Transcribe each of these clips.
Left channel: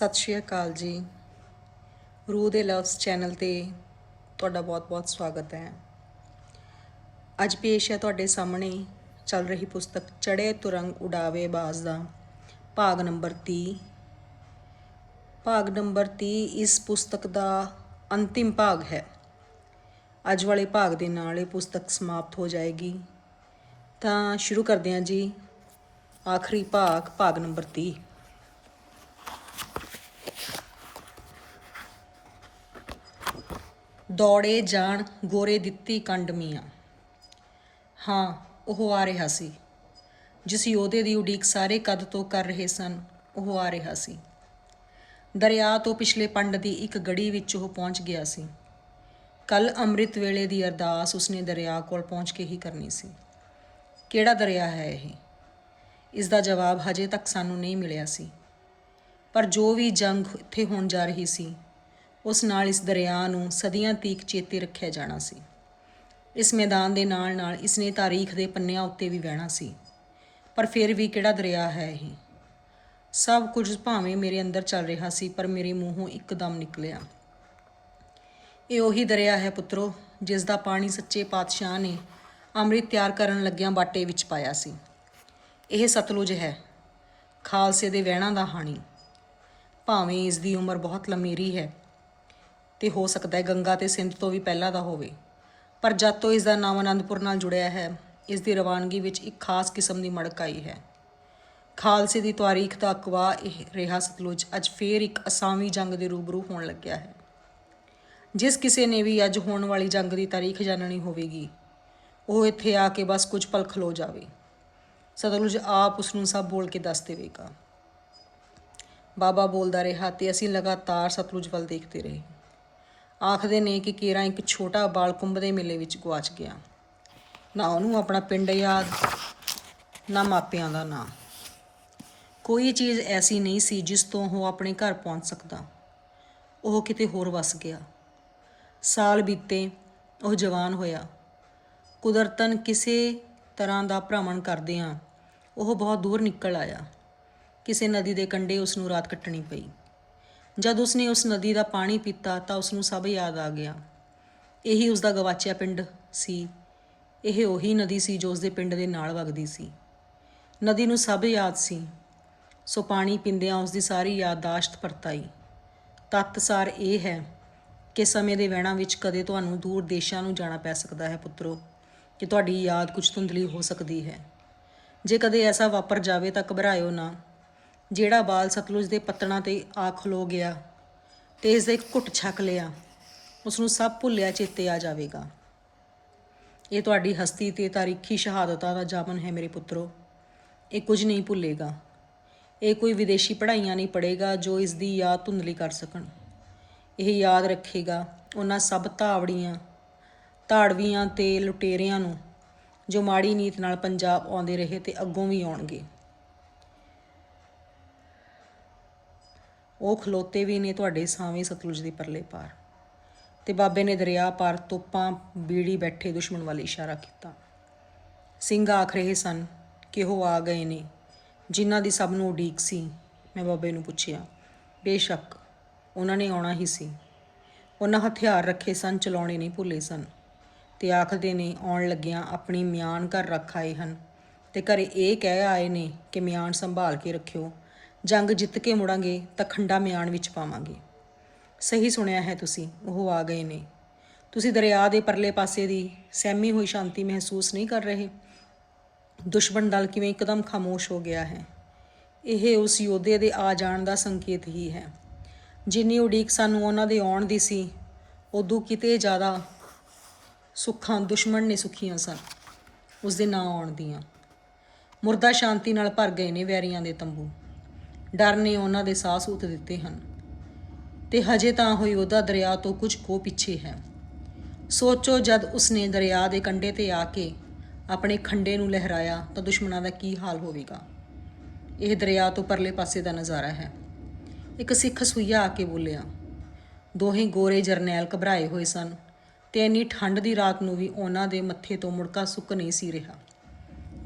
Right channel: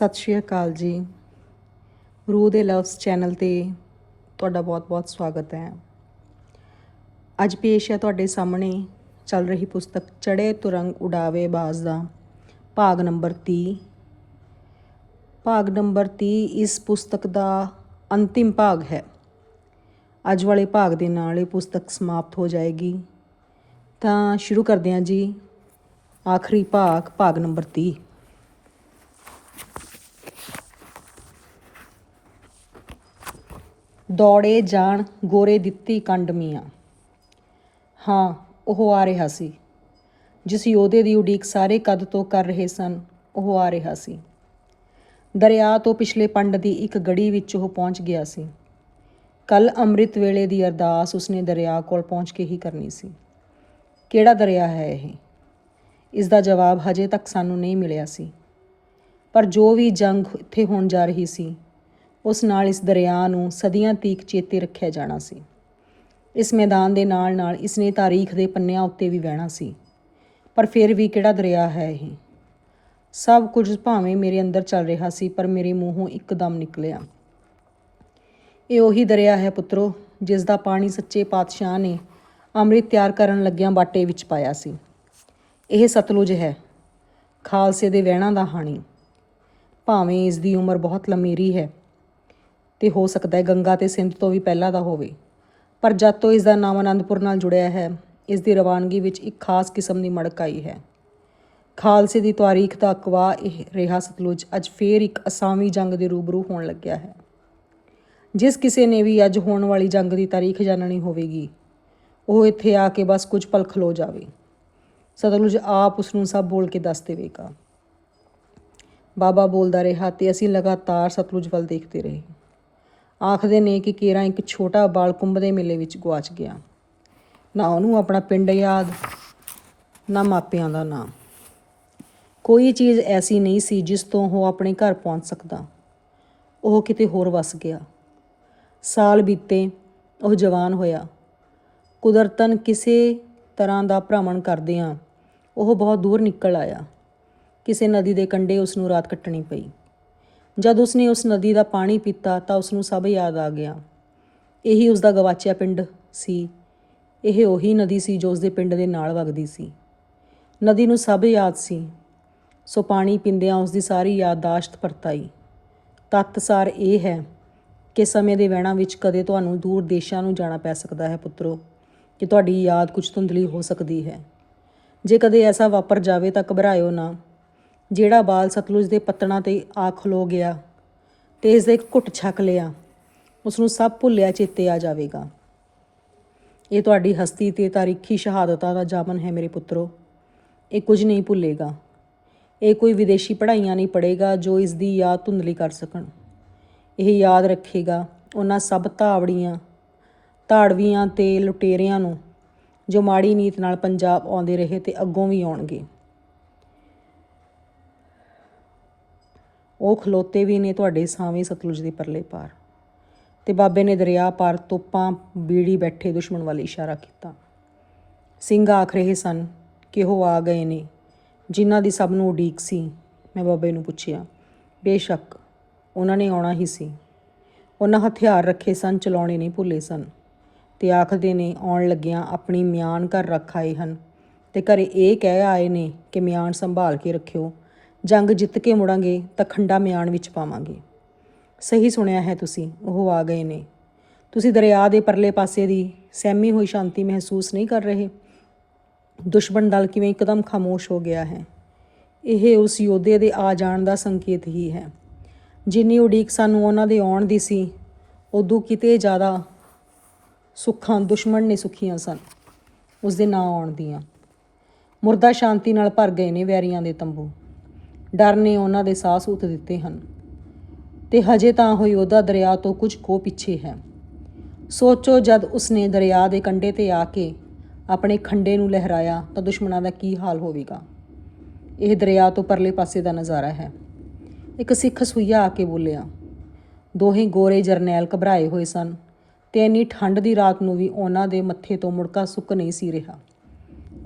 ਸਤਿ ਸ਼੍ਰੀ ਅਕਾਲ ਜੀ। ਰੂਹ ਦੇ ਲਵਸ ਚੈਨਲ ਤੇ ਤੁਹਾਡਾ ਬਹੁਤ-ਬਹੁਤ ਸਵਾਗਤ ਹੈ। ਅੱਜ ਪੇਸ਼ ਹੈ ਤੁਹਾਡੇ ਸਾਹਮਣੇ ਚੱਲ ਰਹੀ ਪੁਸਤਕ ਚੜੇ ਤੁਰੰਗ ਉਡਾਵੇ ਬਾਜ਼ ਦਾ ਭਾਗ ਨੰਬਰ 30 ਭਾਗ ਨੰਬਰ 30 ਇਸ ਪੁਸਤਕ ਦਾ ਅੰਤਿਮ ਭਾਗ ਹੈ। ਅੱਜ ਵਾਲੇ ਭਾਗ ਦੇ ਨਾਲ ਇਹ ਪੁਸਤਕ ਸਮਾਪਤ ਹੋ ਜਾਏਗੀ। ਤਾਂ ਸ਼ੁਰੂ ਕਰਦੇ ਹਾਂ ਜੀ। ਆਖਰੀ ਭਾਗ ਭਾਗ ਨੰਬਰ 30 ਦੌੜੇ ਜਾਣ ਗੋਰੇ ਦਿੱਤੀ ਕੰਡ ਮੀਆਂ। ਹਾਂ, ਉਹ ਆ ਰਿਹਾ ਸੀ। ਜਿਸ ਯੋਧੇ ਦੀ ਉਡੀਕ ਸਾਰੇ ਕਦ ਤੋਂ ਕਰ ਰਹੇ ਸਨ, ਉਹ ਆ ਰਿਹਾ ਸੀ। ਦਰਿਆ ਤੋਂ ਪਿਛਲੇ ਪੰਡ ਦੀ ਇੱਕ ਗੜੀ ਵਿੱਚ ਉਹ ਪਹੁੰਚ ਗਿਆ ਸੀ। ਕੱਲ ਅੰਮ੍ਰਿਤ ਵੇਲੇ ਦੀ ਅਰਦਾਸ ਉਸਨੇ ਦਰਿਆ ਕੋਲ ਪਹੁੰਚ ਕੇ ਹੀ ਕਰਨੀ ਸੀ। ਕਿਹੜਾ ਦਰਿਆ ਹੈ ਇਹ? ਇਸ ਦਾ ਜਵਾਬ ਹਜੇ ਤੱਕ ਸਾਨੂੰ ਨਹੀਂ ਮਿਲਿਆ ਸੀ। ਪਰ ਜੋ ਵੀ ਜੰਗ ਇੱਥੇ ਹੋਣ ਜਾ ਰਹੀ ਸੀ ਉਸ ਨਾਲ ਇਸ ਦਰਿਆ ਨੂੰ ਸਦੀਆਂ ਤੀਕ ਚੇਤੇ ਰੱਖਿਆ ਜਾਣਾ ਸੀ। ਇਸ ਮੈਦਾਨ ਦੇ ਨਾਲ ਨਾਲ ਇਸ ਨੇ ਤਾਰੀਖ ਦੇ ਪੰਨਿਆਂ ਉੱਤੇ ਵੀ ਵਹਿਣਾ ਸੀ। ਪਰ ਫਿਰ ਵੀ ਕਿਹੜਾ ਦਰਿਆ ਹੈ ਇਹ? ਸਭ ਕੁਝ ਭਾਵੇਂ ਮੇਰੇ ਅੰਦਰ ਚੱਲ ਰਿਹਾ ਸੀ, ਪਰ ਮੇਰੇ ਮੂੰਹੋਂ ਇੱਕਦਮ ਨਿਕਲਿਆ। ਇਹ ਉਹੀ ਦਰਿਆ ਹੈ ਪੁੱਤਰੋ, ਜਿਸ ਦਾ ਪਾਣੀ ਸੱਚੇ ਪਾਤਸ਼ਾਹ ਨੇ ਅੰਮ੍ਰਿਤ ਤਿਆਰ ਕਰਨ ਲੱਗਿਆਂ ਬਾਟੇ ਵਿੱਚ ਪਾਇਆ ਸੀ। ਇਹ ਸਤਲੁਜ ਹੈ। ਖਾਲਸੇ ਦੇ ਵਹਿਣਾ ਦਾ ਹਾਣੀ। ਭਾਵੇਂ ਇਸ ਦੀ ਉਮਰ ਬਹੁਤ ਲੰਮੇਰੀ ਹੈ ਤੇ ਹੋ ਸਕਦਾ ਹੈ ਗੰਗਾ ਤੇ ਸਿੰਧ ਤੋਂ ਵੀ ਪਹਿਲਾਂ ਦਾ ਹੋਵੇ। ਪਰ ਜਦ ਤੋਂ ਇਸ ਦਾ ਨਾਮ ਅਨੰਦਪੁਰ ਨਾਲ ਜੁੜਿਆ ਹੈ, ਇਸ ਦੀ ਰਵਾਨਗੀ ਵਿੱਚ ਇੱਕ ਖਾਸ ਕਿਸਮ ਦੀ ਮੜਕ ਆਈ ਹੈ। ਖਾਲਸੇ ਦੀ ਤਾਰੀਖ ਦਾ ਅਕਵਾ ਇਹ ਰਿਹਾ ਸਤਲੁਜ ਅੱਜ ਫੇਰ ਇੱਕ ਅਸਾਮੀ ਜੰਗ ਦੇ ਰੂਬਰੂ ਹੋਣ ਲੱਗਿਆ ਹੈ। ਜਿਸ ਕਿਸੇ ਨੇ ਵੀ ਅੱਜ ਹੋਣ ਵਾਲੀ ਜੰਗ ਦੀ ਤਾਰੀਖ ਜਾਣਨੀ ਹੋਵੇਗੀ, ਉਹ ਇੱਥੇ ਆ ਕੇ ਬਸ ਕੁਝ ਪਲ ਖਲੋ ਜਾਵੇ। ਸਤਲੁਜ ਆਪ ਉਸ ਨੂੰ ਸਭ ਬੋਲ ਕੇ ਦੱਸ ਦੇਵੇਗਾ। ਬਾਬਾ ਬੋਲਦਾ ਰਿਹਾ ਤੇ ਅਸੀਂ ਲਗਾਤਾਰ ਸਤਲੁਜ ਵੱਲ ਦੇਖਦੇ ਰਹੇ। ਆਖਦੇ ਨੇ ਕਿ ਕੇਰਾ ਇੱਕ ਛੋਟਾ ਬਾਲ ਕੁੰਭ ਦੇ ਮੇਲੇ ਵਿੱਚ ਗਵਾਚ ਗਿਆ। ਨਾ ਉਹਨੂੰ ਆਪਣਾ ਪਿੰਡ ਯਾਦ, ਨਾ ਮਾਪਿਆਂ ਦਾ ਨਾਂ ਕੋਈ ਚੀਜ਼ ਐਸੀ ਨਹੀਂ ਸੀ ਜਿਸ ਤੋਂ ਉਹ ਆਪਣੇ ਘਰ ਪਹੁੰਚ ਸਕਦਾ। ਉਹ ਕਿਤੇ ਹੋਰ ਵਸ ਗਿਆ। ਸਾਲ ਬੀਤੇ ਉਹ ਜਵਾਨ ਹੋਇਆ। ਕੁਦਰਤਨ ਕਿਸੇ ਤਰ੍ਹਾਂ ਦਾ ਭ੍ਰਮਣ ਕਰਦਿਆਂ ਉਹ ਬਹੁਤ ਦੂਰ ਨਿਕਲ ਆਇਆ। ਕਿਸੇ ਨਦੀ ਦੇ ਕੰਢੇ ਉਸ ਨੂੰ ਰਾਤ ਕੱਟਣੀ ਪਈ। ਜਦ ਉਸਨੇ ਉਸ ਨਦੀ ਦਾ ਪਾਣੀ ਪੀਤਾ ਤਾਂ ਉਸ ਨੂੰ ਸਭ ਯਾਦ ਆ ਗਿਆ। ਇਹੀ ਉਸ ਦਾ ਗਵਾਚਿਆ ਪਿੰਡ ਸੀ। ਇਹ ਉਹੀ ਨਦੀ ਸੀ ਜੋ ਉਸ ਦੇ ਪਿੰਡ ਦੇ ਨਾਲ ਵਗਦੀ ਸੀ। ਨਦੀ ਨੂੰ ਸਭ ਯਾਦ ਸੀ। ਸੋ ਪਾਣੀ ਪੀਂਦਿਆਂ ਉਸ ਦੀ ਸਾਰੀ ਯਾਦਦਾਸ਼ਤ ਪਰਤਾਈ। ਤੱਤਸਾਰ ਇਹ ਹੈ ਕਿ ਸਮੇਂ ਦੇ ਵਹਿਣਾਂ ਵਿੱਚ ਕਦੇ ਤੁਹਾਨੂੰ ਦੂਰ ਦੇਸ਼ਾਂ ਨੂੰ ਜਾਣਾ ਪੈ ਸਕਦਾ ਹੈ ਪੁੱਤਰੋ, ਕਿ ਤੁਹਾਡੀ ਯਾਦ ਕੁਝ ਧੁੰਦਲੀ ਹੋ ਸਕਦੀ ਹੈ। ਜੇ ਕਦੇ ਐਸਾ ਵਾਪਰ ਜਾਵੇ ਤਾਂ ਘਬਰਾਇਓ ਨਾ। ਜਿਹੜਾ ਬਾਲ ਸਤਲੁਜ ਦੇ ਪੱਤਣਾ ਤੇ ਆ ਖਲੋ ਗਿਆ ਤੇ ਇਸ ਦਾ ਇੱਕ ਘੁੱਟ ਛਕ ਲਿਆ ਉਸ ਨੂੰ ਸਭ ਭੁੱਲਿਆ ਚੇਤੇ ਆ ਜਾਵੇਗਾ। ਇਹ ਤੁਹਾਡੀ ਹਸਤੀ ਤੇ ਤਾਰੀਖੀ ਸ਼ਹਾਦਤਾਂ ਦਾ ਜਾਮਨ ਹੈ ਮੇਰੇ ਪੁੱਤਰੋ। ਇਹ ਕੁਝ ਨਹੀਂ ਭੁੱਲੇਗਾ। ਇਹ ਕੋਈ ਵਿਦੇਸ਼ੀ ਪੜ੍ਹਾਈਆਂ ਨਹੀਂ ਪੜ੍ਹੇਗਾ ਜੋ ਇਸ ਦੀ ਯਾਦ ਧੁੰਦਲੀ ਕਰ ਸਕਣ। ਇਹ ਯਾਦ ਰੱਖੇਗਾ ਉਹਨਾਂ ਸਭ ਧਾਵੜੀਆਂ, ਧਾੜਵੀਆਂ ਤੇ ਲੁਟੇਰਿਆਂ ਨੂੰ ਜੋ ਮਾੜੀ ਨੀਤ ਨਾਲ ਪੰਜਾਬ ਆਉਂਦੇ ਰਹੇ ਤੇ ਅੱਗੋਂ ਵੀ ਆਉਣਗੇ। ਉਹ ਖਲੋਤੇ ਵੀ ਨੇ ਤੁਹਾਡੇ ਸਾਵੇਂ ਸਤਲੁਜ ਦੇ ਪਰਲੇ ਪਾਰ। ਤੇ ਬਾਬੇ ਨੇ ਦਰਿਆ ਪਾਰ ਤੋਪਾਂ ਬੀੜੀ ਬੈਠੇ ਦੁਸ਼ਮਣ ਵੱਲ ਇਸ਼ਾਰਾ ਕੀਤਾ। ਸਿੰਘ ਆਖ ਰਹੇ ਸਨ ਕਿ ਉਹ ਆ ਗਏ ਨੇ, ਜਿਨ੍ਹਾਂ ਦੀ ਸਭ ਨੂੰ ਉਡੀਕ ਸੀ? ਮੈਂ ਬਾਬੇ ਨੂੰ ਪੁੱਛਿਆ। ਬੇਸ਼ੱਕ, ਉਹਨਾਂ ਨੇ ਆਉਣਾ ਹੀ ਸੀ। ਉਹਨਾਂ ਹਥਿਆਰ ਰੱਖੇ ਸਨ, ਚਲਾਉਣੇ ਨਹੀਂ ਭੁੱਲੇ ਸਨ। ਤੇ ਆਖਦੇ ਨੇ, ਆਉਣ ਲੱਗਿਆਂ ਆਪਣੀ ਮਿਆਨ ਘਰ ਰੱਖ ਆਏ ਹਨ। ਤੇ ਘਰੇ ਇਹ ਕਹਿ ਆਏ ਨੇ ਕਿ ਮਿਆਨ ਸੰਭਾਲ ਕੇ ਰੱਖਿਓ। ਜੰਗ ਜਿੱਤ ਕੇ ਮੁੜਾਂਗੇ ਤਾਂ ਖੰਡਾ ਮਿਆਨ ਵਿੱਚ ਪਾਵਾਂਗੇ। ਸਹੀ ਸੁਣਿਆ ਹੈ ਤੁਸੀਂ, ਉਹ ਆ ਗਏ ਨੇ। ਤੁਸੀਂ ਦਰਿਆ ਦੇ ਪਰਲੇ ਪਾਸੇ ਦੀ ਸਹਿਮੀ ਹੋਈ ਸ਼ਾਂਤੀ ਮਹਿਸੂਸ ਨਹੀਂ ਕਰ ਰਹੇ। ਦੁਸ਼ਮਣ ਦਲ ਕਿਵੇਂ ਇੱਕਦਮ ਖਾਮੋਸ਼ ਹੋ ਗਿਆ ਹੈ। ਇਹ ਉਸ ਯੋਧੇ ਦੇ ਆ ਜਾਣ ਦਾ ਸੰਕੇਤ ਹੀ ਹੈ। ਜਿੰਨੀ ਉਡੀਕ ਸਾਨੂੰ ਉਹਨਾਂ ਦੇ ਆਉਣ ਦੀ ਸੀ, ਉਦੋਂ ਕਿਤੇ ਜ਼ਿਆਦਾ ਸੁੱਖਾਂ, ਦੁਸ਼ਮਣ ਨੇ ਸੁਖੀਆਂ ਸਨ। ਉਸ ਦੇ ਨਾਂ ਆਉਣ ਦੀਆਂ। ਮੁਰਦਾ ਸ਼ਾਂਤੀ ਨਾਲ ਭਰ ਗਏ ਨੇ ਵੈਰੀਆਂ ਦੇ ਤੰਬੂ। ਡਰ ਨੇ ਉਹਨਾਂ ਦੇ ਸਾਹ ਸੂਤ ਦਿੱਤੇ ਹਨ। ਤੇ ਹਜੇ ਤਾਂ ਉਹ ਯੋਧਾ ਦਰਿਆ ਤੋਂ ਕੁਝ ਕੋ ਪਿੱਛੇ ਹੈ। ਸੋਚੋ ਜਦ ਉਸਨੇ ਦਰਿਆ ਦੇ ਕੰਢੇ ਤੇ ਆ ਕੇ ਆਪਣੇ ਖੰਡੇ ਨੂੰ ਲਹਿਰਾਇਆ ਤਾਂ ਦੁਸ਼ਮਣਾਂ ਦਾ ਕੀ ਹਾਲ ਹੋਵੇਗਾ? ਇਹ ਦਰਿਆ ਤੋਂ ਪਰਲੇ ਪਾਸੇ ਦਾ ਨਜ਼ਾਰਾ ਹੈ। ਇੱਕ ਸਿੱਖ ਸੂਈਆ ਆ ਕੇ ਬੋਲਿਆ, ਦੋਹੇ ਗੋਰੇ ਜਰਨੈਲ ਘਬਰਾਏ ਹੋਏ ਸਨ ਤੇ ਇੰਨੀ ਠੰਡ ਦੀ ਰਾਤ ਨੂੰ ਵੀ ਉਹਨਾਂ ਦੇ ਮੱਥੇ ਤੋਂ ਮੁੜਕਾ ਸੁੱਕ ਨਹੀਂ ਸੀ ਰਿਹਾ।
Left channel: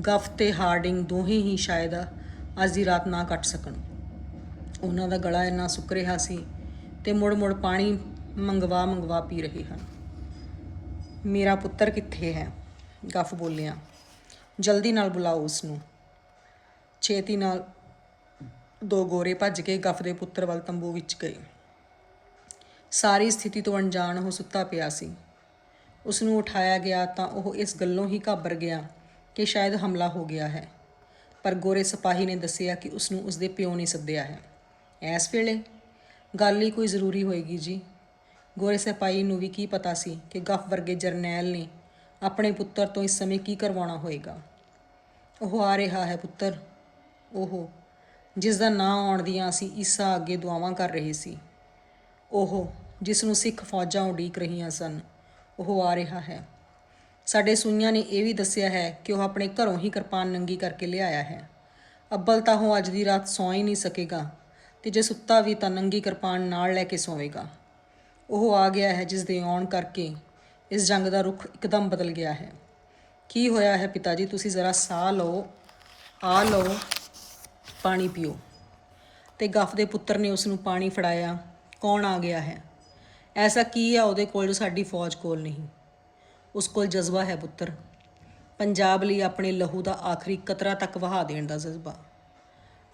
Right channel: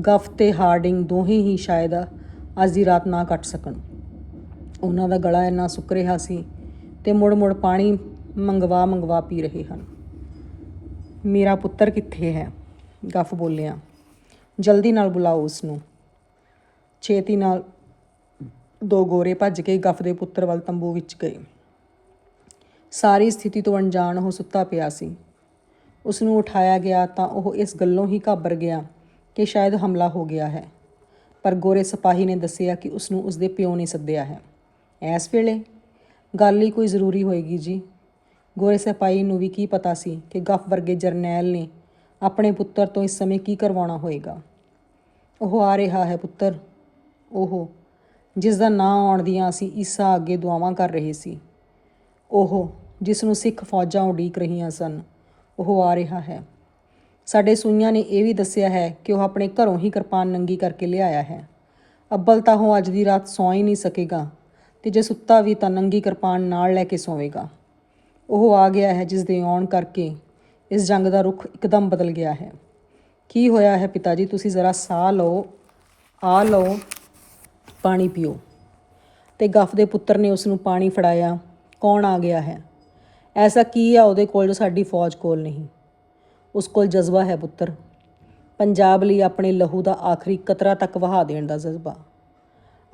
ਗਫ ਤੇ ਹਾਰਡਿੰਗ ਦੋਹੇ ਹੀ ਸ਼ਾਇਦ ਅੱਜ ਦੀ ਰਾਤ ਨਾ ਕੱਟ ਸਕਣ। ਉਹਨਾਂ ਦਾ ਗਲਾ ਇੰਨਾ ਸੁੱਕ ਰਿਹਾ ਸੀ ਤੇ ਮੁੜ-ਮੁੜ ਪਾਣੀ ਮੰਗਵਾ ਮੰਗਵਾ ਪੀ ਰਹੇ ਹਨ। ਮੇਰਾ ਪੁੱਤਰ ਕਿੱਥੇ ਹੈ? ਗੱਫ ਬੋਲਿਆ। ਜਲਦੀ ਨਾਲ ਬੁਲਾਓ ਉਸ ਨੂੰ ਛੇਤੀ ਨਾਲ ਦੋ ਗੋਰੇ ਭੱਜ ਕੇ ਗੱਫ ਦੇ ਪੁੱਤਰ ਵੱਲ ਤੰਬੂ ਵਿੱਚ ਗਏ। ਸਾਰੀ ਸਥਿਤੀ ਤੋਂ ਅਣਜਾਣ ਉਹ ਸੁੱਤਾ ਪਿਆ ਸੀ। ਉਸ ਨੂੰ ਉਠਾਇਆ ਗਿਆ ਤਾਂ ਉਹ ਇਸ ਗੱਲੋਂ ਹੀ ਘਾਬਰ ਗਿਆ ਕਿ ਸ਼ਾਇਦ ਹਮਲਾ ਹੋ ਗਿਆ ਹੈ। ਪਰ ਗੋਰੇ ਸਿਪਾਹੀ ਨੇ ਦੱਸਿਆ ਕਿ ਉਸ ਨੂੰ ਉਸਦੇ ਪਿਓ ਨੇ ਸੱਦਿਆ ਹੈ। ਇਸ ਵੇਲੇ ਗੱਲ ਹੀ ਕੋਈ ਜ਼ਰੂਰੀ ਹੋਏਗੀ ਜੀ। ਗੋਰੇ ਸਿਪਾਹੀ ਨੂੰ ਵੀ ਕੀ ਪਤਾ ਸੀ ਕਿ ਗੱਫ ਵਰਗੇ ਜਰਨੈਲ ਨੇ ਆਪਣੇ ਪੁੱਤਰ ਤੋਂ ਇਸ ਸਮੇਂ ਕੀ ਕਰਵਾਉਣਾ ਹੋਏਗਾ। ਉਹ ਆ ਰਿਹਾ ਹੈ ਪੁੱਤਰ। ਉਹ ਜਿਸ ਦਾ ਨਾਂ ਆਉਣ ਦੀਆਂ ਅਸੀਂ ਈਸਾ ਅੱਗੇ ਦੁਆਵਾਂ ਕਰ ਰਹੇ ਸੀ। ਉਹ ਜਿਸ ਨੂੰ ਸਿੱਖ ਫੌਜਾਂ ਉਡੀਕ ਰਹੀਆਂ ਸਨ, ਉਹ ਆ ਰਿਹਾ ਹੈ। ਸਾਡੇ ਸੂਈਆਂ ਨੇ ਇਹ ਵੀ ਦੱਸਿਆ ਹੈ ਕਿ ਉਹ ਆਪਣੇ ਘਰੋਂ ਹੀ ਕਿਰਪਾਨ ਨੰਗੀ ਕਰਕੇ ਲਿਆਇਆ ਹੈ। ਅੱਬਲ ਤਾਂ ਉਹ ਅੱਜ ਦੀ ਰਾਤ ਸੌਂ ਹੀ ਨਹੀਂ ਸਕੇਗਾ। ਤੇ ਜੇ ਸੁੱਤਾ ਵੀ ਤਾਂ ਨੰਗੀ ਕਿਰਪਾਨ ਨਾਲ ਲੈ ਕੇ ਸੋਵੇਗਾ। ਉਹ ਆ ਗਿਆ ਹੈ ਜਿਸ ਦੇ ਆਉਣ ਕਰਕੇ ਇਸ ਜੰਗ ਦਾ ਰੁਖ ਇੱਕਦਮ ਬਦਲ ਗਿਆ ਹੈ। ਕੀ ਹੋਇਆ ਹੈ ਪਿਤਾ ਜੀ ਤੁਸੀਂ ਜ਼ਰਾ ਸਾਹ ਲਓ, ਆ ਲਓ, ਪਾਣੀ ਪੀਓ। ਤੇ ਗਫ ਦੇ ਪੁੱਤਰ ਨੇ ਉਸ ਨੂੰ ਪਾਣੀ ਫੜਾਇਆ। ਕੌਣ ਆ ਗਿਆ ਹੈ? ਐਸਾ ਕੀ ਆ ਉਹਦੇ ਕੋਲ ਜੋ ਸਾਡੀ ਫੌਜ ਕੋਲ ਨਹੀਂ? ਉਸ ਕੋਲ ਜਜ਼ਬਾ ਹੈ ਪੁੱਤਰ। ਪੰਜਾਬ ਲਈ ਆਪਣੇ ਲਹੂ ਦਾ ਆਖਰੀ ਕਤਰਾ ਤੱਕ ਵਹਾ ਦੇਣ ਦਾ ਜਜ਼ਬਾ।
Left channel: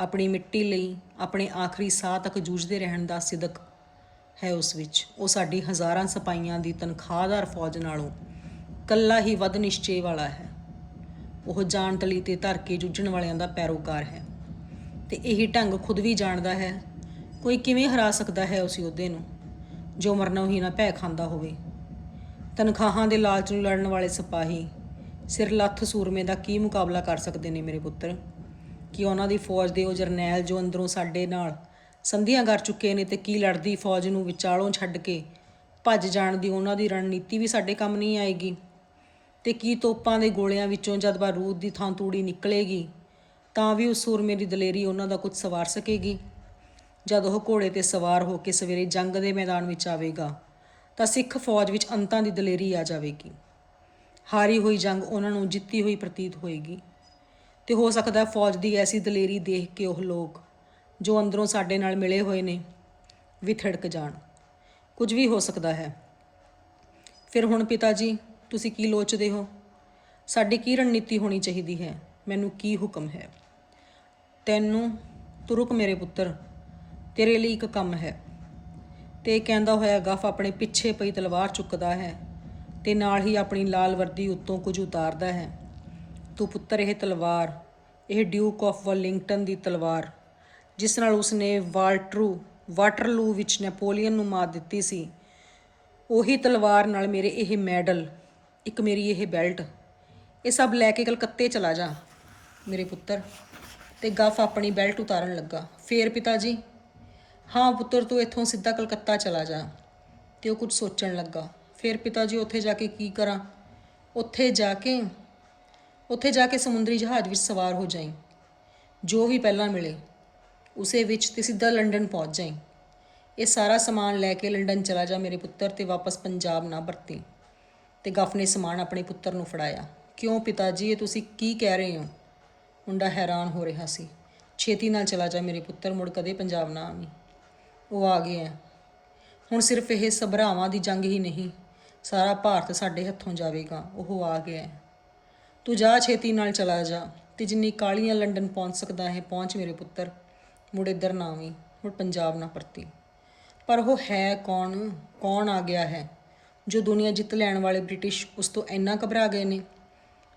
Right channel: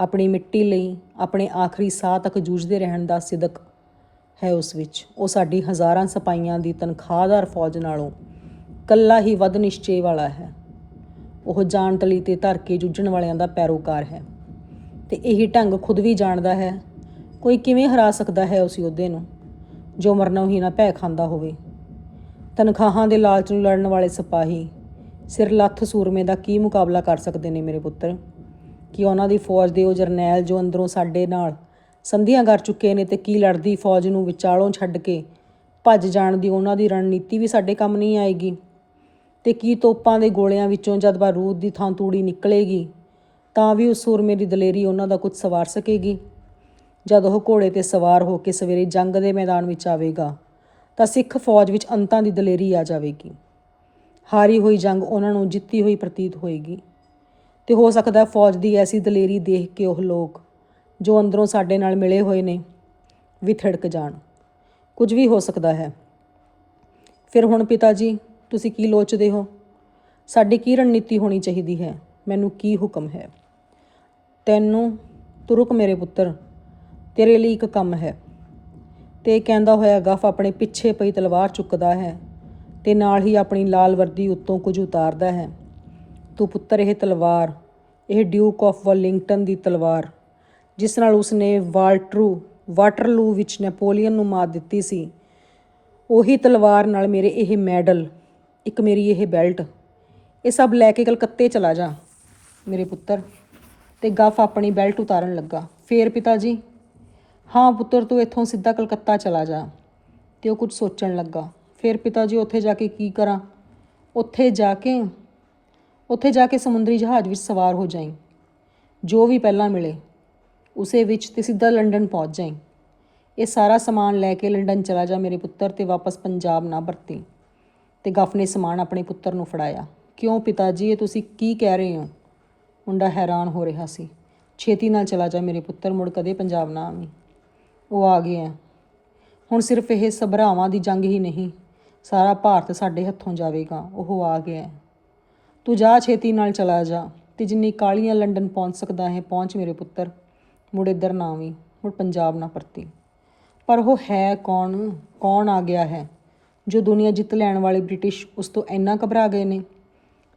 ਆਪਣੀ ਮਿੱਟੀ ਲਈ ਆਪਣੇ ਆਖਰੀ ਸਾਹ ਤੱਕ ਜੂਝਦੇ ਰਹਿਣ ਦਾ ਸਿਦਕ ਹੈ ਉਸ ਵਿੱਚ। ਉਹ ਸਾਡੀ ਹਜ਼ਾਰਾਂ ਸਿਪਾਹੀਆਂ ਦੀ ਤਨਖਾਹਦਾਰ ਫੌਜ ਨਾਲੋਂ ਕੱਲਾ ਹੀ ਵੱਧ ਨਿਸ਼ਚੇ ਵਾਲਾ ਹੈ। ਉਹ ਜਾਨ ਤਲੀ ਤੇ ਧਰ ਕੇ ਜੂਝਣ ਵਾਲਿਆਂ ਦਾ ਪੈਰੋਕਾਰ ਹੈ ਤੇ ਇਹੀ ਢੰਗ ਖੁਦ ਵੀ ਜਾਣਦਾ ਹੈ। ਕੋਈ ਕਿਵੇਂ ਹਰਾ ਸਕਦਾ ਹੈ ਉਸ ਯੋਧੇ ਨੂੰ ਜੋ ਮਰਨੋਂ ਹੀ ਨਾ ਭੈ ਖਾਂਦਾ ਹੋਵੇ? ਤਨਖਾਹਾਂ ਦੇ ਲਾਲਚ ਨੂੰ ਲੜਨ ਵਾਲੇ ਸਿਪਾਹੀ ਸਿਰ ਲੱਥ ਸੂਰਮੇ ਦਾ ਕੀ ਮੁਕਾਬਲਾ ਕਰ ਸਕਦੇ ਨੇ ਮੇਰੇ ਪੁੱਤਰ? ਕਿ ਉਹਨਾਂ ਦੀ ਫੌਜ ਦੇ ਉਹ ਜਰਨੈਲ ਜੋ ਅੰਦਰੋਂ ਸਾਡੇ ਨਾਲ ਸੰਧੀਆਂ ਕਰ ਚੁੱਕੇ ਨੇ ਤੇ ਕੀ ਲੜਦੀ ਫੌਜ ਨੂੰ ਵਿਚਾਲੋਂ ਛੱਡ ਕੇ ਭੱਜ ਜਾਣ ਦੀ ਉਹਨਾਂ ਦੀ ਰਣਨੀਤੀ ਵੀ ਸਾਡੇ ਕੰਮ ਨਹੀਂ ਆਏਗੀ। ਤੇ ਕੀ ਤੋਪਾਂ ਦੇ ਗੋਲਿਆਂ ਵਿੱਚੋਂ ਜਦ ਬਾਰੂਦ ਦੀ ਥਾਂ ਤੂੜੀ ਨਿਕਲੇਗੀ, ਤਾਂ ਵੀ ਉਸ ਸੂਰਮੇ ਦੀ ਦਲੇਰੀ ਉਹਨਾਂ ਦਾ ਕੁਝ ਸਵਾਰ ਸਕੇਗੀ। ਜਦ ਉਹ ਘੋੜੇ ਤੇ ਸਵਾਰ ਹੋ ਕੇ ਸਵੇਰੇ ਜੰਗ ਦੇ ਮੈਦਾਨ ਵਿੱਚ ਆਵੇਗਾ, ਤਾਂ ਸਿੱਖ ਫੌਜ ਵਿੱਚ ਅੰਤਾਂ ਦੀ ਦਲੇਰੀ ਆ ਜਾਵੇਗੀ। ਹਾਰੀ ਹੋਈ ਜੰਗ ਉਹਨਾਂ ਨੂੰ ਜਿੱਤੀ ਹੋਈ ਪ੍ਰਤੀਤ ਹੋਏਗੀ। ਤੇ ਹੋ ਸਕਦਾ ਫੌਜ ਦੀ ਐਸੀ ਦਲੇਰੀ ਦੇਖ ਕੇ ਉਹ ਲੋਕ ਜੋ ਅੰਦਰੋਂ ਸਾਡੇ ਨਾਲ ਮਿਲੇ ਹੋਏ ਨੇ ਵੀ ਥੜਕ ਜਾਣ। ਕੁਝ ਵੀ ਹੋ ਸਕਦਾ ਹੈ। ਫਿਰ ਹੁਣ ਪਿਤਾ ਜੀ ਤੁਸੀਂ ਕੀ ਲੋਚਦੇ ਹੋ? ਸਾਡੀ ਕੀ ਰਣਨੀਤੀ ਹੋਣੀ ਚਾਹੀਦੀ ਹੈ? ਮੈਨੂੰ ਕੀ ਹੁਕਮ ਹੈ? ਤੈਨੂੰ ਤੁਰਕ ਮੇਰੇ ਪੁੱਤਰ, ਤੇਰੇ ਲਈ ਇੱਕ ਕੰਮ ਹੈ। ਤੇ ਕਹਿੰਦਾ ਹੋਇਆ ਗਫ ਆਪਣੇ ਪਿੱਛੇ ਪਈ ਤਲਵਾਰ ਚੁੱਕਦਾ ਹੈ ਤੇ ਨਾਲ ਹੀ ਆਪਣੀ ਲਾਲ ਵਰਦੀ ਉੱਤੋਂ ਕੁਝ ਉਤਾਰਦਾ ਹੈ। ਤੂੰ ਪੁੱਤਰ ਇਹ ਤਲਵਾਰ, ਇਹ ਡਿਊਕ ਆਫ ਵਲਿੰਗਟਨ ਦੀ ਤਲਵਾਰ, ਜਿਸ ਨਾਲ ਉਸਨੇ ਵਾਲਟਰੂ, ਵਾਟਰਲੂ ਵਿੱਚ ਨੈਪੋਲੀਅਨ ਨੂੰ ਮਾਰ ਦਿੱਤੀ ਸੀ। ਉਹੀ ਤਲਵਾਰ ਨਾਲ ਮੇਰੇ ਇਹ ਮੈਡਲ, ਇੱਕ ਮੇਰੀ ਇਹ ਬੈਲਟ। ਇਹ ਸਭ ਲੈ ਕੇ ਕਲਕੱਤੇ ਚਲਾ ਜਾ, ਮੇਰੇ ਪੁੱਤਰ। ਤੇ ਗਫ ਆਪਣੀ ਬੈਲਟ ਉਤਾਰਨ ਲੱਗਾ। ਫੇਰ ਪਿਤਾ ਜੀ ਹਾਂ ਪੁੱਤਰ, ਤੂੰ ਇੱਥੋਂ ਸਿੱਧਾ ਕਲਕੱਤਾ ਚਲਾ ਜਾ। ਤੇ ਉਹ ਕੁਝ ਸੋਚਣ ਲੱਗਾ। ਫਿਰ ਪਿਤਾ ਜੀ ਉੱਥੇ ਜਾ ਕੇ ਕੀ ਕਰਾਂ? ਉੱਥੇ ਜਾ ਕੇ ਉੱਥੇ ਜਾ ਕੇ ਸਮੁੰਦਰੀ ਜਹਾਜ਼ ਵਿੱਚ ਸਵਾਰ ਹੋ ਜਾਈਂ। ਜੋ ਵੀ ਪਹਿਲਾਂ ਮਿਲੇ, ਉਸੇ ਵਿੱਚ ਤੇ ਸਿੱਧਾ ਲੰਡਨ ਪਹੁੰਚ ਜਾਈਂ। ਇਹ ਸਾਰਾ ਸਮਾਨ ਲੈ ਕੇ ਲੰਡਨ ਚਲਾ ਜਾ ਮੇਰੇ ਪੁੱਤਰ ਤੇ ਵਾਪਸ ਪੰਜਾਬ ਨਾ ਵਰਤੀ। ਤੇ ਗਫ ਨੇ ਸਮਾਨ ਆਪਣੇ ਪੁੱਤਰ ਨੂੰ ਫੜਾਇਆ। ਕਿਉਂ ਪਿਤਾ ਜੀ, ਇਹ ਤੁਸੀਂ ਕੀ ਕਹਿ ਰਹੇ ਹੋ? ਮੁੰਡਾ ਹੈਰਾਨ ਹੋ ਰਿਹਾ ਸੀ। ਛੇਤੀ ਨਾਲ ਚਲਾ ਜਾ ਮੇਰੇ ਪੁੱਤਰ, ਮੁੜ ਕਦੇ ਪੰਜਾਬ ਨਾ ਆਵੀਂ। ਉਹ ਆ ਗਿਆ। ਹੁਣ ਸਿਰਫ ਇਹ ਸਭਰਾਵਾਂ ਦੀ ਜੰਗ ਹੀ ਨਹੀਂ, ਸਾਰਾ ਭਾਰਤ ਸਾਡੇ ਹੱਥੋਂ ਜਾਵੇਗਾ। ਉਹ ਆ ਗਿਆ। ਤੂੰ ਜਾ ਛੇਤੀ ਨਾਲ ਚਲਾ ਜਾ ਤੇ ਜਿੰਨੀ ਕਾਲੀਆਂ ਲੰਡਨ ਪਹੁੰਚ ਸਕਦਾ ਹੈ, ਪਹੁੰਚ ਮੇਰੇ ਪੁੱਤਰ। ਮੁੜ ਇੱਧਰ ਨਾ ਆਵੀਂ, ਮੁੜ ਪੰਜਾਬ ਨਾ ਪਰਤੀ। ਪਰ ਉਹ ਹੈ ਕੌਣ? ਕੌਣ ਆ ਗਿਆ ਹੈ? ਜੋ ਦੁਨੀਆ ਜਿੱਤ ਲੈਣ ਵਾਲੇ ਬ੍ਰਿਟਿਸ਼ ਉਸ ਤੋਂ ਇੰਨਾ ਘਬਰਾ ਗਏ ਨੇ।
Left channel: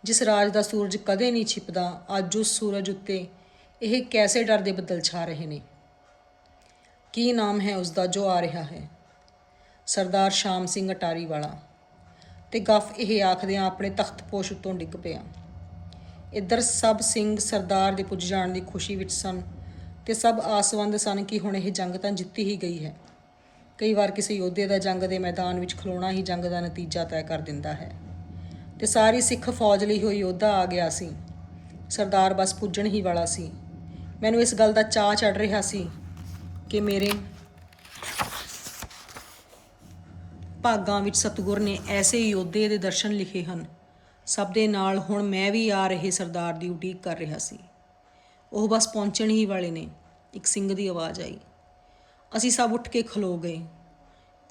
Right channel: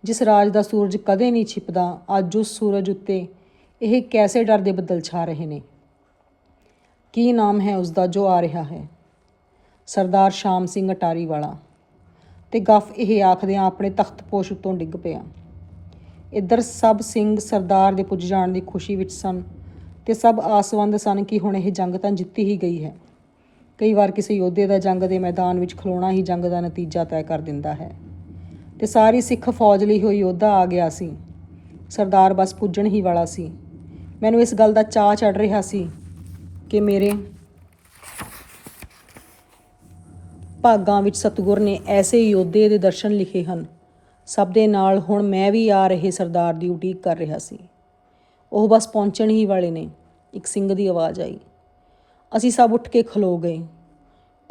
ਜਿਸ ਰਾਜ ਦਾ ਸੂਰਜ ਕਦੇ ਨਹੀਂ ਛਿਪਦਾ, ਅੱਜ ਉਸ ਸੂਰਜ ਉੱਤੇ ਇਹ ਕੈਸੇ ਡਰ ਦੇ ਬੱਦਲ ਛਾ ਰਹੇ ਨੇ? ਕੀ ਨਾਮ ਹੈ ਉਸ ਦਾ ਜੋ ਆ ਰਿਹਾ ਹੈ? ਸਰਦਾਰ ਸ਼ਾਮ ਸਿੰਘ ਅਟਾਰੀ ਵਾਲਾ। ਤੇ ਗੱਫ ਇਹ ਆਖਦਿਆਂ ਆਪਣੇ ਤਖਤ ਪੋਸ਼ ਉੱਤੋਂ ਡਿੱਗ ਪਿਆ। ਇੱਧਰ ਸਭ ਸਿੰਘ ਸਰਦਾਰ ਦੇ ਪੁੱਜ ਜਾਣ ਦੀ ਖੁਸ਼ੀ ਵਿੱਚ ਸਨ ਤੇ ਸਭ ਆਸਵੰਦ ਸਨ ਕਿ ਹੁਣ ਇਹ ਜੰਗ ਤਾਂ ਜਿੱਤੀ ਹੀ ਗਈ ਹੈ। ਕਈ ਵਾਰ ਕਿਸੇ ਯੋਧੇ ਦਾ ਜੰਗ ਦੇ ਮੈਦਾਨ ਵਿੱਚ ਖਲੋਣਾ ਹੀ ਜੰਗ ਦਾ ਨਤੀਜਾ ਤੈਅ ਕਰ ਦਿੰਦਾ ਹੈ। ਤੇ ਸਾਰੀ ਸਿੱਖ ਫੌਜ ਲਈ ਹੋਈ ਯੋਧਾ ਆ ਗਿਆ ਸੀ। ਸਰਦਾਰ ਬਸ ਪੁੱਜਣ ਹੀ ਵਾਲਾ ਸੀ। ਮੈਨੂੰ ਇਸ ਗੱਲ ਦਾ ਚਾਅ ਚੜ ਰਿਹਾ ਸੀ ਕਿ ਮੇਰੇ ਭਾਗਾਂ ਵਿੱਚ ਸਤਿਗੁਰ ਨੇ ਐਸੇ ਯੋਧੇ ਦੇ ਦਰਸ਼ਨ ਲਿਖੇ ਹਨ। ਸਭ ਦੇ ਨਾਲ ਹੁਣ ਮੈਂ ਵੀ ਆ ਰਹੇ ਸਰਦਾਰ ਦੀ ਉਡੀਕ ਕਰ ਰਿਹਾ ਸੀ। ਉਹ ਬਸ ਪਹੁੰਚਣ ਹੀ ਵਾਲੇ ਨੇ। ਇੱਕ ਸਿੰਘ ਦੀ ਆਵਾਜ਼ ਆਈ। ਅਸੀਂ ਸਭ ਉੱਠ ਕੇ ਖਲੋ ਗਏ।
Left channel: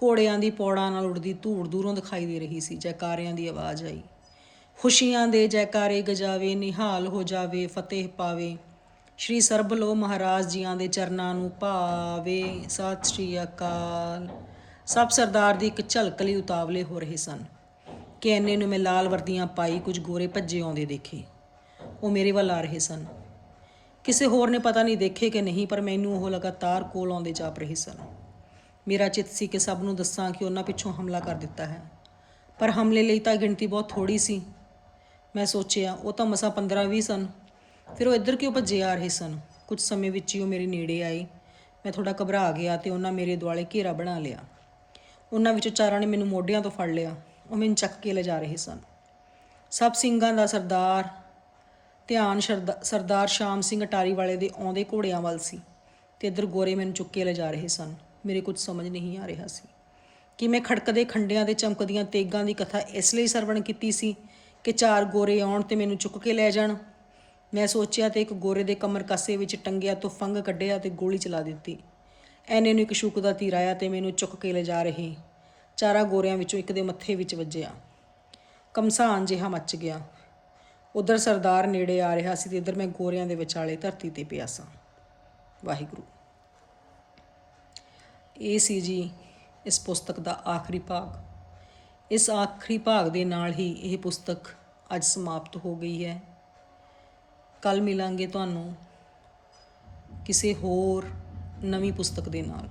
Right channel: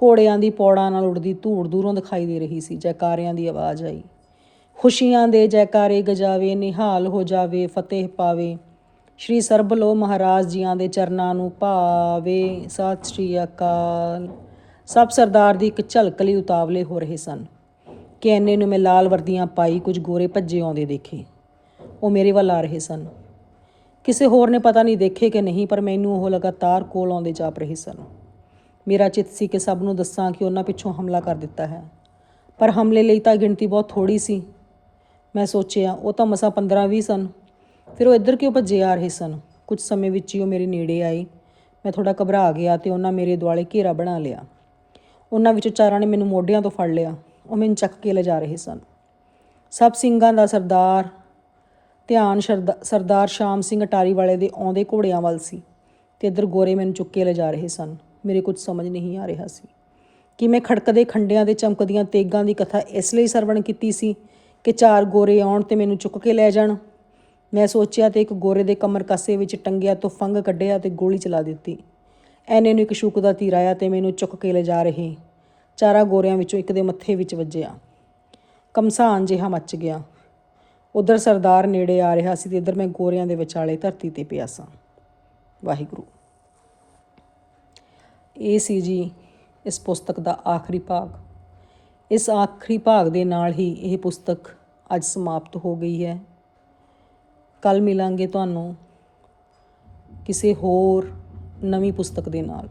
ਘੋੜਿਆਂ ਦੀ ਪੌੜਾਂ ਨਾਲ ਉੱਡਦੀ ਧੂੜ ਦੂਰੋਂ ਦਿਖਾਈ ਦੇ ਰਹੀ ਸੀ। ਜੈਕਾਰਿਆਂ ਦੀ ਆਵਾਜ਼ ਆਈ। ਖੁਸ਼ੀਆਂ ਦੇ ਜੈਕਾਰੇ ਗਜਾਵੇ, ਨਿਹਾਲ ਹੋ ਜਾਵੇ, ਫਤਿਹ ਪਾਵੇ। ਸ਼੍ਰੀ ਸਰਬਲੋ ਮਹਾਰਾਜ ਜੀਆਂ ਦੇ ਚਰਨਾਂ ਨੂੰ ਭਾਵੇ। ਸਤਿ ਸ਼੍ਰੀ ਅਕਾਲ। ਸਭ ਸਰਦਾਰ ਦੀ ਇੱਕ ਝਲਕ ਲਈ ਉਤਾਵਲੇ ਹੋ ਰਹੇ ਸਨ। ਕਿ ਐਨੇ ਨੂੰ ਮੈਂ ਲਾਲ ਵਰਦੀਆਂ ਪਾਈ ਕੁਝ ਗੋਰੇ ਭੱਜੇ ਆਉਂਦੇ ਦੇਖੇ। ਉਹ ਮੇਰੇ ਵੱਲ ਆ ਰਹੇ ਸਨ। ਕਿਸੇ ਹੋਰ ਨੇ ਪਤਾ ਨਹੀਂ ਦੇਖੇ ਕਿ ਨਹੀਂ, ਪਰ ਮੈਨੂੰ ਉਹ ਲਗਾਤਾਰ ਕੋਲ ਆਉਂਦੇ ਜਾਪ ਰਹੇ ਸਨ। ਮੇਰਾ ਚਿੱਤ ਸੀ ਕਿ ਸਭ ਨੂੰ ਦੱਸਾਂ ਕਿ ਉਹਨਾਂ ਪਿੱਛੋਂ ਹਮਲਾ ਕਰ ਦਿੱਤਾ ਹੈ। ਪਰ ਹਮਲੇ ਲਈ ਤਾਂ ਗਿਣਤੀ ਬਹੁਤ ਥੋੜੀ ਸੀ। ਮੈਂ ਸੋਚਿਆ, ਉਹ ਤਾਂ ਮਸਾਂ 15-20 ਸਨ। ਫਿਰ ਉਹ ਇੱਧਰ ਕਿਉਂ ਭੱਜੇ ਆ ਰਹੇ ਸਨ? ਕੁਝ ਸਮੇਂ ਵਿੱਚ ਹੀ ਉਹ ਮੇਰੇ ਨੇੜੇ ਆਏ। ਮੈਂ ਥੋੜਾ ਘਬਰਾ ਗਿਆ ਤੇ ਉਹਨਾਂ ਮੇਰੇ ਦੁਆਲੇ ਘੇਰਾ ਬਣਾ ਲਿਆ। ਉਹਨਾਂ ਵਿੱਚੋਂ ਚਾਰਾਂ ਨੇ ਮੈਨੂੰ ਮੋਢਿਆਂ ਤੋਂ ਫੜ ਲਿਆ। ਉਹ ਮੈਨੂੰ ਚੱਕ ਕੇ ਲਿਜਾ ਰਹੇ ਸਨ। ਸਭ ਸਿੰਘਾਂ ਦਾ ਸਰਦਾਰ, ਧਿਆਨ ਸ਼ਰਦਾ- ਸਰਦਾਰ ਸ਼ਾਮ ਸਿੰਘ ਅਟਾਰੀ ਵਾਲੇ ਦੇ ਆਉਂਦੇ ਘੋੜਿਆਂ ਵੱਲ ਸੀ ਤੇ ਇੱਧਰ ਗੋਰੇ ਮੈਨੂੰ ਚੁੱਕ ਕੇ ਲਿਜਾ ਰਹੇ ਸਨ। ਮੇਰੇ ਕੁਝ ਸਮਝ ਨਹੀਂ ਆ ਰਿਹਾ ਸੀ। ਕਿ ਮੈਂ ਖੜਕਦੇ ਖੰਡਿਆਂ ਦੇ ਚਮਕਦੀਆਂ ਤੇਗਾਂ ਦੀ ਕਥਾ ਇਸ ਲਈ ਸਰਵਣ ਕੀਤੀ ਸੀ ਕਿ ਚਾਰ ਗੋਰੇ ਆਉਣ ਤੇ ਮੈਨੂੰ ਚੁੱਕ ਕੇ ਲੈ ਜਾਣ। ਮੈਂ ਸੋਚਿਆ ਤੇ ਇੱਕ ਗੋਰੇ ਦੇ ਕਮਰ ਕੱਸੇ ਵਿੱਚ ਟੰਗਿਆ ਤੋਂ ਫੰਗ ਕੱਢਿਆ ਤੇ ਗੋਲੀ ਚਲਾ ਦਿੱਤੀ। ਐਨੇ ਨੂੰ ਇੱਕ ਸ਼ੂਕ ਦਾ ਤੀਰ ਆਇਆ ਤੇ ਮੈਨੂੰ ਚੁੱਕ ਕੇ ਲਿਜਾ ਰਹੇ। ਚਾਰਾਂ ਗੋਰਿਆਂ ਵਿੱਚੋਂ ਇੱਕ ਦੇ ਮੱਥੇ ਵਿੱਚ ਵੱਜਿਆ। ਕਮਸਾਨ ਜਿਹਾ ਮੱਚ ਗਿਆ। ਉਧਰ ਸਰਦਾਰ ਨੇੜੇ ਆ ਰਿਹਾ ਸੀ ਤੇ ਇੱਧਰ ਮੈਂ ਗੋਰਿਆਂ ਦੇ ਵਿਚਾਲੇ ਧਰਤੀ ਤੇ ਪਿਆ ਸਾਂ। ਵਾਹਿਗੁਰੂ। ਇਹ ਸੀ ਜੀ ਇਸ ਪੁਸਤਕ ਦਾ ਆਖਰੀ ਭਾਗ। ਇਸ ਆਖਰੀ ਭਾਗ ਦੇ ਨਾਲ ਹੀ ਇਹ ਪੁਸਤਕ ਅੱਜ ਸਮਾਪਤ ਹੋ ਗਈ ਹੈ। ਕੱਲ ਮਿਲਾਂਗੇ ਤੁਹਾਨੂੰ ਕਿਸੇ ਹੋਰ ਨਵੀਂ ਪੁਸਤਕ ਦੇ ਨਾਲ।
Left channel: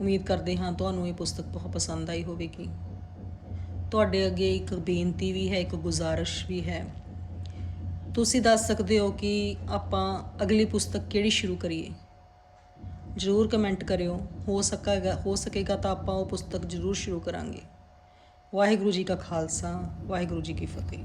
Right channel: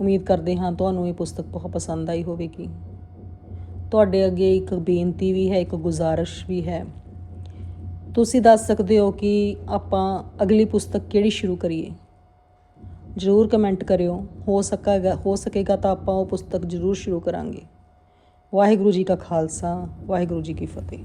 ਉਮੀਦ ਕਰਦੇ ਹਾਂ ਤੁਹਾਨੂੰ ਇਹ ਪੁਸਤਕ ਬਹੁਤ ਪਸੰਦ ਆਈ ਹੋਵੇਗੀ। ਤੁਹਾਡੇ ਅੱਗੇ ਇੱਕ ਬੇਨਤੀ ਵੀ ਹੈ, ਇੱਕ ਗੁਜ਼ਾਰਿਸ਼ ਵੀ ਹੈ। ਤੁਸੀਂ ਦੱਸ ਸਕਦੇ ਹੋ ਕਿ ਆਪਾਂ ਅਗਲੀ ਪੁਸਤਕ ਕਿਹੜੀ ਸ਼ੁਰੂ ਕਰੀਏ? ਜ਼ਰੂਰ ਕਮੈਂਟ ਕਰਿਓ। ਹੋ ਸਕਾਗਾ, ਹੋ ਸਕੇਗਾ ਤਾਂ ਆਪਾਂ ਉਹ ਪੁਸਤਕ ਜ਼ਰੂਰ ਸ਼ੁਰੂ ਕਰਾਂਗੇ। ਵਾਹਿਗੁਰੂ ਜੀ ਕਾ ਖਾਲਸਾ, ਵਾਹਿਗੁਰੂ ਜੀ ਕੀ ਫਤਿਹ।